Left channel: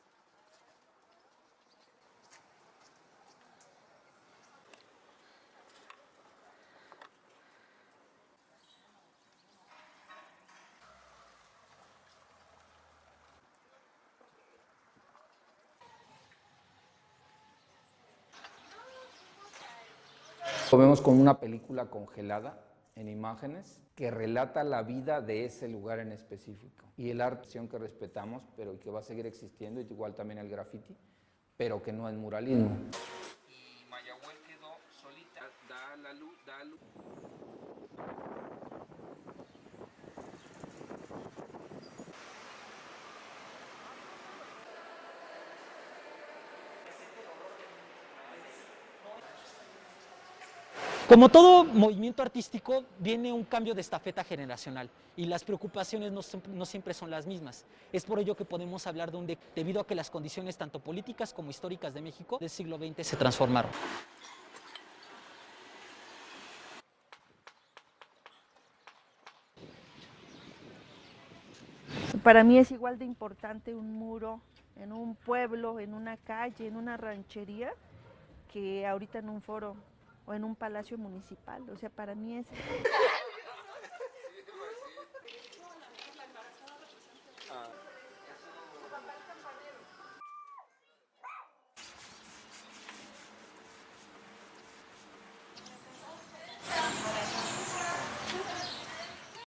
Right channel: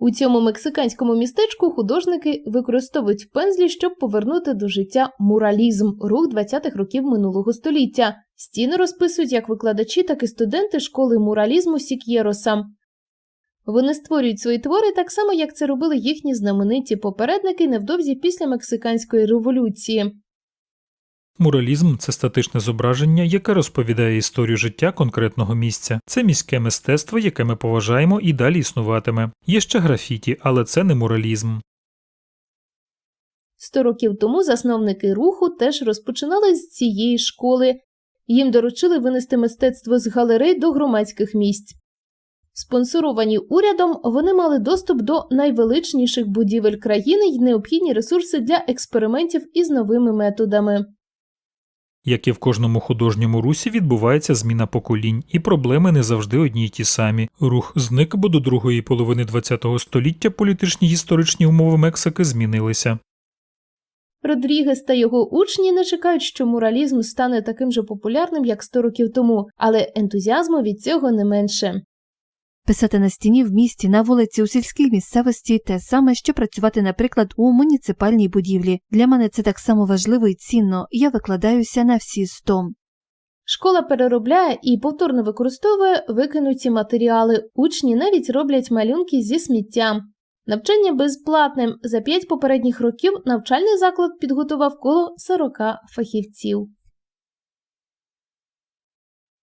У цьому мексиканському містечку художники використовують пензлі, щоб повернути до життя муралізм, рух 20-х років минулого століття. Стіни розписують як викладачі, так і студенти школи муралізму Сік'єроса. Вони створюють свої твори так само, як це робили їхні знамениті попередники невдовзі після мексиканської революції. Муралізм це статичне зображення, яке розповідає історію життя конкретного місця. Це міське мистецтво, яке ми поважаємо і далі існуватиме. Є ще графіті, але це не муралізм. Сто років тому засновники руху теж розпочинали з цієї школи. Їм доручили винести мистецтво з галерей до громадських місць. Спонсоровані урядом, вони мали доступ до найвеличніших будівель країни й необхідні ресурси для експериментів із новими методами. Як і в кожному художньому русі відбувається зміна поколінь, і проблеми не завжди одні й ті самі. Рух зник, бо до другої половини ХХ століття політичні історичні умови Мексики змінилися. Родрігес та його учні не чекають, що муралізм стане таким же популярним, як 100 років тому, але ентузіазму від цього не менше. Писати на стіні в місті, на вулиці, у сільській місцевості те саме, що працювати, наприклад, у муніципальній будівлі. Для мене це так само важливо і цінно. Я викладаюся на всі сто. Школа переробляє і повторно використовує викинуті матеріали. Учні навіть роблять малюнки зі сміттям. Навчання безплатне. За п'ять попередніх років навчальний заклад підготував коло 40 фахівців.